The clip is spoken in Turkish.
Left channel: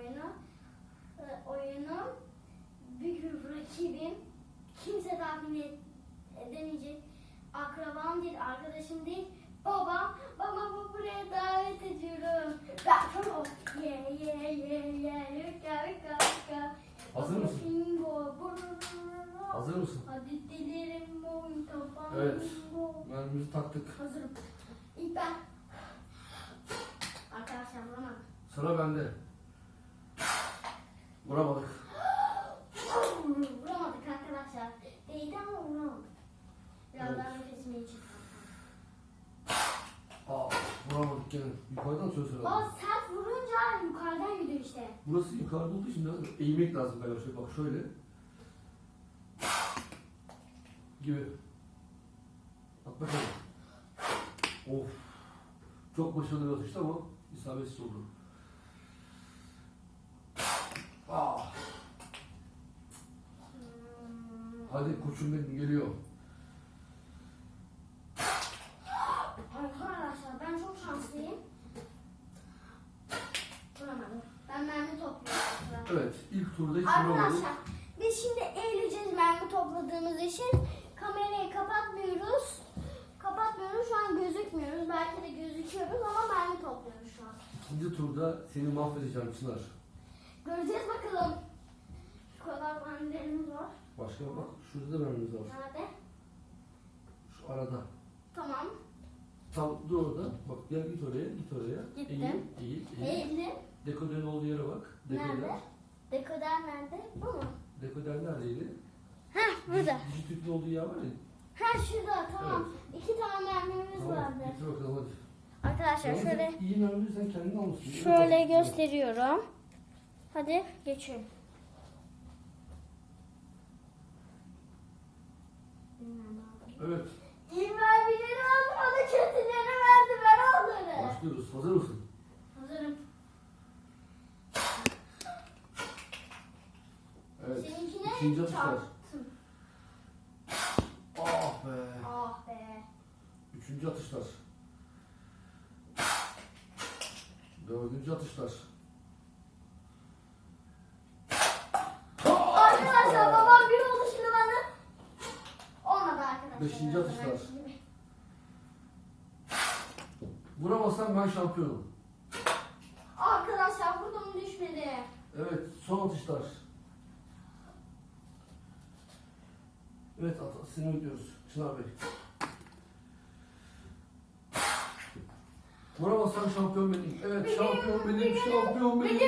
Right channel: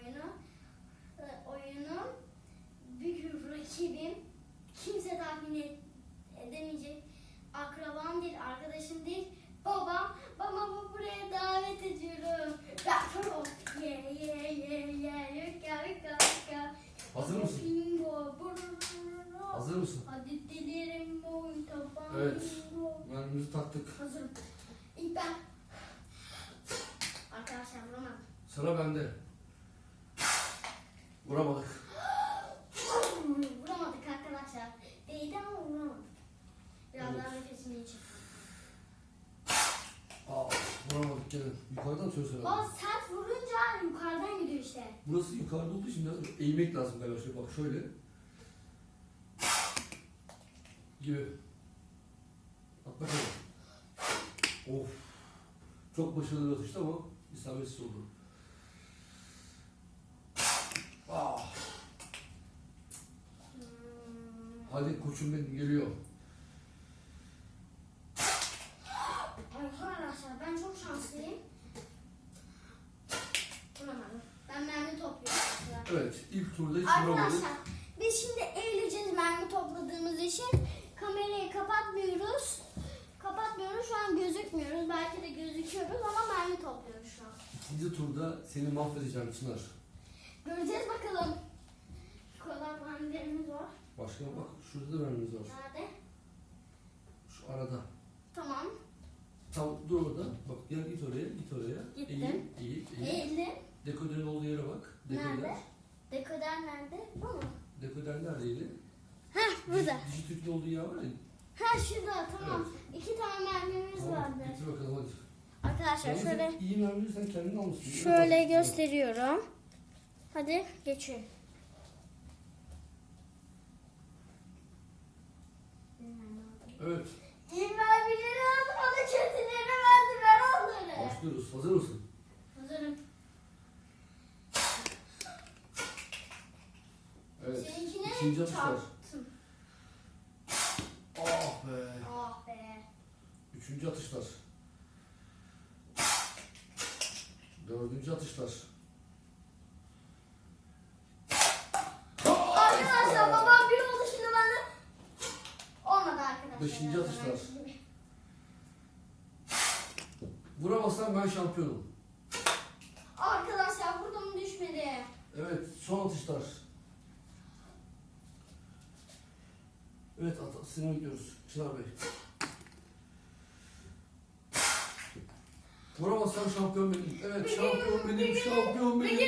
oyunu. Ee, Oyunun büyük rakibim kimse tahmin edemeyecek. Akrabam değil, arkadaşım değil. Babam, babamı buraya davet ediyorum. Gafo, ye ye ye ye, yükka yükka yükka. Hazır mısın? Bingo, Hazır mısın? Hadi dilerim boyun tabango. Evet, mermimizi taktık. Hazırım. İlk ben. Arkadaşlar bulamadım. Sıra bende. Vuramadık. Vuramadık arkadaşlar. Değdi ama vuramadık. Biraz Evet. daha nefesimi için. Aa, vuramadık gene. Yukarıdan söz verelim. Baba sert vurunca yukarıdan gidiyor işte. Burası yukarıda olduğu için biraz eğmek lazım galiba. Şöyle bak şöyle. Gibi. Bak bakalım. Of. Çok başarılı bir atıştı ama isabetsiz oldu. Ah. Hmm. Hadi koçum benim geliyor. Arkadaşlar ben çok şanslıyım. Vuramadım. Ben mermi topluyorum. Evet ilk turda hiç vuramadık. Arkadaşlar biz şimdi eğileceğiz mermi topladığımız için. Kamerayı kapatmıyoruz. Kapatmıyoruz şu an gözükmüyoruz. Belki de gözüküyoruz ama mermi topluyoruz şu an. İkinci turda seni mahvedeceğim Çınar. Göreceğiz bakalım. Şu kadar mermilerimiz var. Başka bak şurada da mermimiz var. Nerede? Şu arada. Tamam. Tam dur orada. Bak gel git oraya git oraya. Gittim. Eğil eğil eğil. Eğildim. Dekoderin olduğu yere bak. Dekoder. Nerede? Dekoder nerede? Bu mu? Dekoder neredeydi? Heh burada. Dijitürk'ün olduğu yer var ya. Ha şurada tamam. İki tane mermimiz Tamam, vardı. getir bakalım hadi. Arkadaşlar Yalnız şöyle iyi mermiyi sen kendin almışsın. şöyle gösteriyorum. Hadi geçiyorum. Evet. İyi mermileri aldım, bana kötüleri verdi, ver onları. Başlıyoruz. Hazır mısın? Hazırım. Evet. Seninkine İkinci atış var. çarptım. Ah be. Ah be. Üçüncü atışlar. Dördüncü atışlar. Arkadaşlar babam bir oldu şimdi bana. Olmadı arkadaşlar. Beşinci atışlar. Vuramazsan ben şampiyonum. Arkadaşlar vurdum düşmedi. Evet, son atışlar. Evet, at seni bekliyoruz. Çınar Bey. Vuramazsan şampiyon benim. Evet, şampiyon benim, şampiyon benim.